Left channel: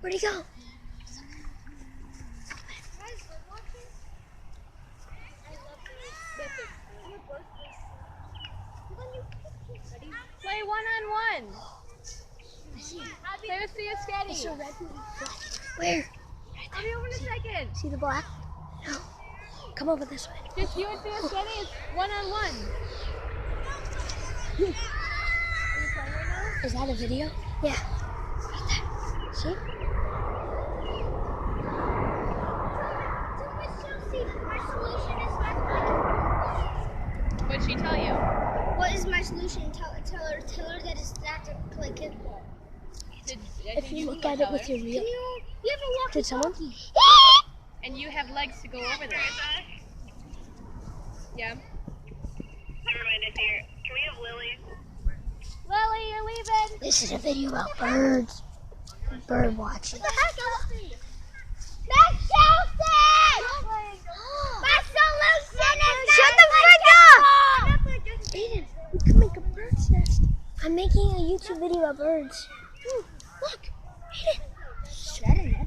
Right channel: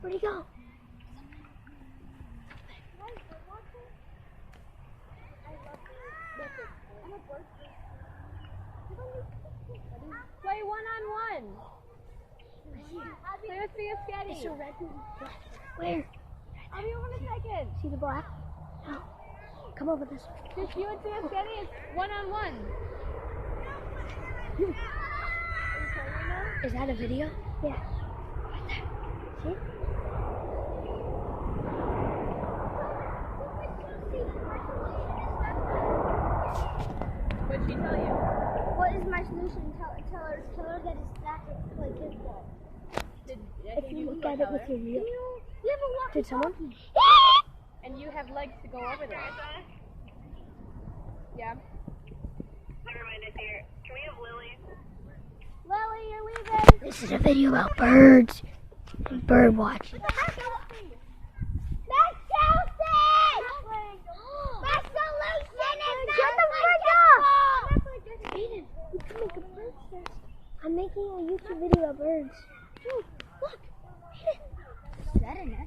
Where'd he go? Play one-on-one. Play with Thea Steady. It's a red and black. Where? I'll be over in a second. See the black? No. Come over this way. Just you and Thea Steady. It's one-on-one. Is that a video? Yeah. Right there. See? What'd she tell you? What is my solution? Tell her that it's not to play kickball. If you look at it with your real. You have a walkie. Did someone? And you have legs to go over there. Yeah. Never mind, I see her. Can we have Lily? Lily, you're leaving. This is a video about birds. Bird watching. What the heck? That's Chelsea! My solution is Shut the frick up! Aiden, we can make a bird's nest. I'm making a YouTube video about birds. Ooh, look! Aiden!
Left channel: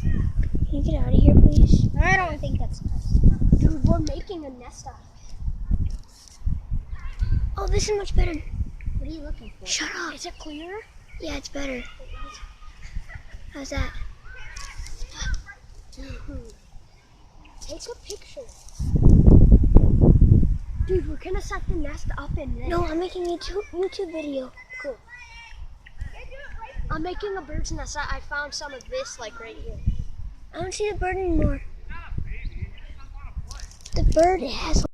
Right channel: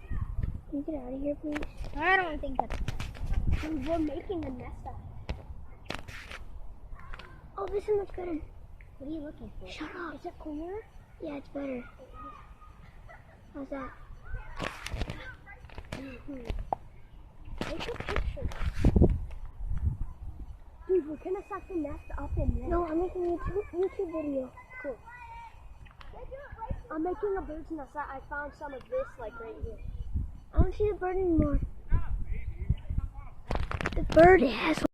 Can you get out of here, please? I don't think that's a nest. Dude, we're making a nest out of it. Oh, this is much better. What are you looking for? Shut up. Is it clearer? Yeah, it's better. How's that? Take a picture. Dude, we're gonna set the nest up in there. No, I'm making a YouTube video. Cool. I'm making a bird's nest. I found some of this like right here. I don't see the bird anymore. The bird has